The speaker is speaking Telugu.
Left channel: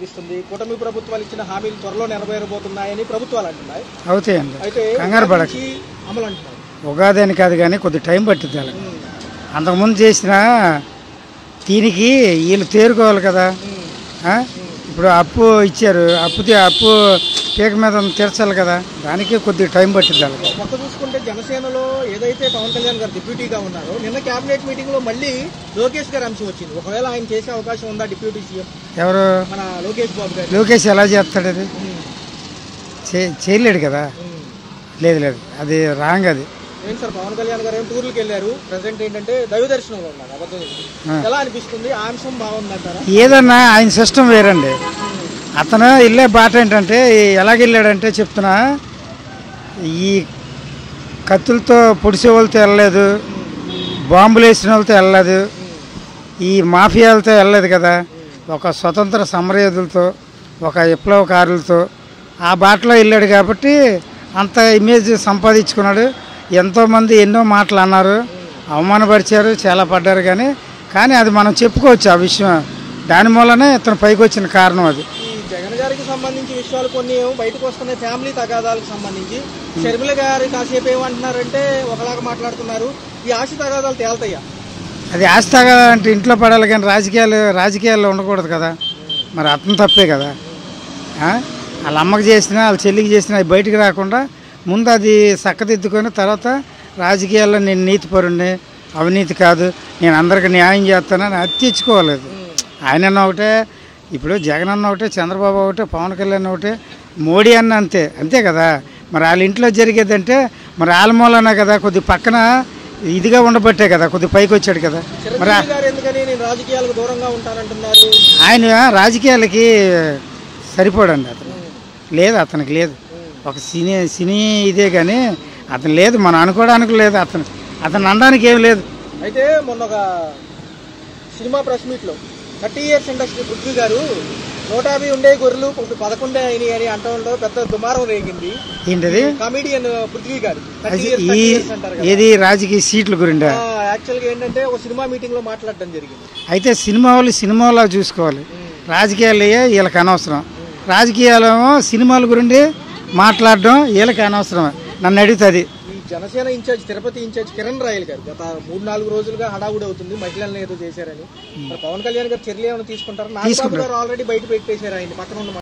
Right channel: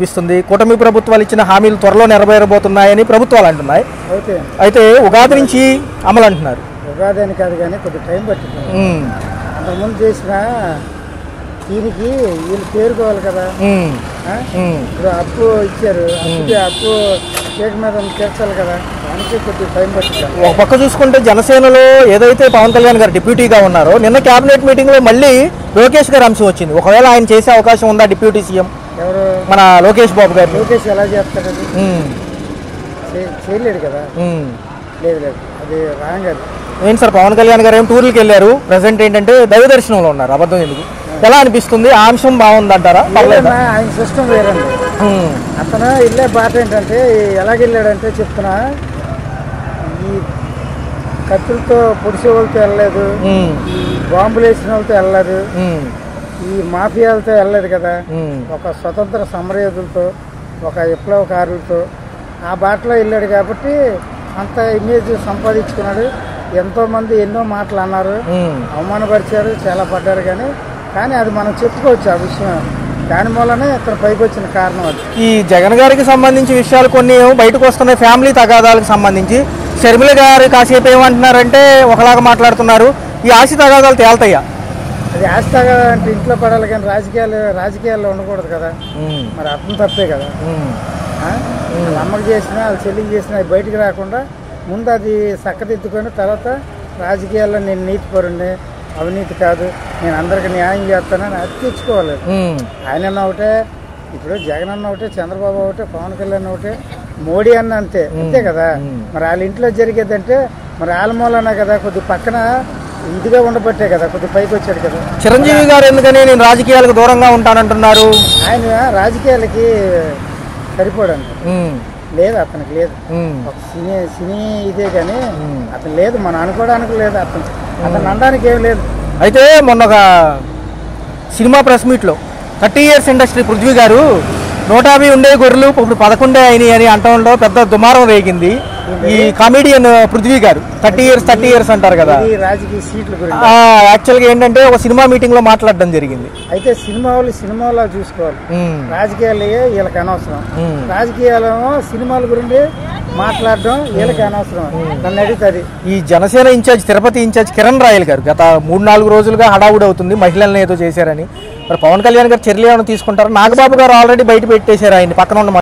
అనిపిస్తుంది. కూటమి ప్రభుత్వాలు ఇచ్చిన హామీలు త్వరలో నెరవేరబోతున్నాయని ప్రభుత్వాలు అంటున్నాయి. అయితే ఉగాది నుంచి అమలు అంటున్నారు. ఉగాది అని కాదు కానీ కొద్ది టైం పట్టింది. అంతకుముందు చేసిన దీనికి వీళ్ళు తేరుకోవాలి కదా. ఇప్పుడు అప్పు ఇచ్చారు, అప్పు కేక మీద తీర్చాలి కదా, దానికి కొద్దిగా టైం పట్టింది. ఒక పక్క చూసుకుంటే జనసేనలో ఏదైతే పవన్ కళ్యాణ్ గారు డిప్యూటీగా ఉన్నారో, నిన్న కేబినెట్ మీటింగ్ లో మళ్ళీ లోకేష్ గారి అంశం వచ్చింది. ఒకవేళ ఆయన చేసే అవకాశం ఉందా డిప్యూటీ సీఎం? ఎవరు? మన లోకేష్ బాబు గారు. లోకేష్ ఎలా చేస్తాడు? అది చేయలేడు కదా. లేదు లేదు, అది రాంగ్. అది ఏంటి సార్, పవన్ కళ్యాణ్ గారు ఏం టూర్లకు వెళ్ళారు, ప్రెసెంట్ ఏంటంటే దైవ దర్శనంలో ఉన్నారు. అబద్ధం ఎందుకు? ఎలా అనిపిస్తుంది? ఆ అంశం బాగుందంటారా? ఏదన్నా ఆయన సిస్టమ్ వేరండి. అతను వెళ్ళే బాట ఏంటంటే ఎలాగెళ్ళాడంటే చెప్తున్నా, ఈ కత్తులతో పొడిసే వాళ్ళతో వెళ్ళలేదు, బాంబులు వేసిన వాళ్ళతో వెళ్ళలేదు, ఈ మాఫియాలతో వెళ్ళలేదు కదా. ఒక స్వతంత్ర సమరయోధులతో, ఒక విప్లవకారులతో ఆ బాటలో వెళ్ళాడు కాబట్టి అంత ఇమేజ్ సంపాదించుకున్నాడు. ఎంతోమంది ఎన్నో మాటలు అన్నారు, అవమానపరిచారు, చాలా పడ్డారు. కానీ అది మనం చెప్పుకోవచ్చు ఆ విషయం. దాని మూలనే ఇతను పైకి వచ్చిన కారణం అది. ఈ జగన్ గారికి సంబంధించి విషయాలు కొన్ని బయటకు వస్తున్నాయి. ఫ్యామిలీ తగాదాలకు సంబంధించి షర్మిల గారు కాసేపు ఏమంటున్నారంటే ఒకలాగా మాట్లాడుతున్నారు. ఈ ఆస్తి తగాదాలు తేల్తాయా? అది ఆస్తి తగాదా అంటే ఇంట్లో పడాలి కానీ రాజకీయాల్లో ఉండకూడదు కదా. మరి అతను తప్పే కదా. వాళ్ళ అమ్మకి చేసినా వాళ్ళ చెల్లికి చేసినా అవి బయటికి రాకుండా ముందు అది చక్కదిద్దుకొని తర్వాత రాజకీయాల్లో నేను నీతిపరుణ్ణి, అవినీతి కాదు, నేను అందరికి న్యాయం చేస్తానని అది తెచ్చుకోలేదు. ఆయన ఒకటే, ఇప్పుడు జగన్ అన్న ఒకటే, చంద్రబాబు ఒకటే, పవన్ కళ్యాణ్ ఒకటే, మోడీ అన్న అంతే కదా. మరి వాళ్ళ ఇంట్లో జరిగేదంటే మరి వాళ్ళ మూలనే కదా, కొద్ది పక్కన ఇదిగా ఉండబట్టే కదా కొద్ది పైకి వచ్చాడు కదా. చిరంజీవి గారు ఎందుకని నేను రాజకీయాలకు దూరంగా ఉంటానంటున్నారు? ఆయన రాజకీయాలకి సరిపోడండి. లేదు, అతనికి లేదు. ఒక సినీ ఇదే కానీ అతను లేదు, మనం అనుకోవడానికి లేదు, అతను అనడానికి ఏం లేదు. అయితే మొన్న ఒక సినిమా ప్రెస్ మీట్లో 30 years ఇండస్ట్రీ పృథ్వీ గారు 150 ఉండే గొర్రెలు ఇప్పుడు 11 అయినాయి అని అంటంలో పెద్ద దుమారం రేగింది. ఈ కామెడియన్ పృథ్వీ గారు 30 years అంటారు కదా. రాజకీయ సీట్ల గురించి యాక్చువల్గా ఏంటంటే ఒక సినిమా మీటింగ్ లో మాట్లాడడం జరిగింది. అయితే సినిమాలో చూసుకోవాలి, రాజకీయాలు వీళ్ళకి అనవసరం. రాజకీయాలేమో సినిమాల గురించి మాట్లాడడం వీళ్ళకి అనవసరం. నన్ను అడుగుతుంది. ఈ జనసేన ఇన్ఛార్జ్, తిరుపతి ఇన్ఛార్జ్ కిరణ్ రాయల్ గారు గత 3-4 రోజులుగా హడావుడి అవుతుంది మహిళలను ఏదో చేశారని. మరి పవన్ కళ్యాణ్ గారు చర్యలు ఏమైనా తీసుకుంటారు? నాగబాబు గారు ఆల్రెడీ బయట పెట్టేశారు ఆయన పక్కన ఉన్న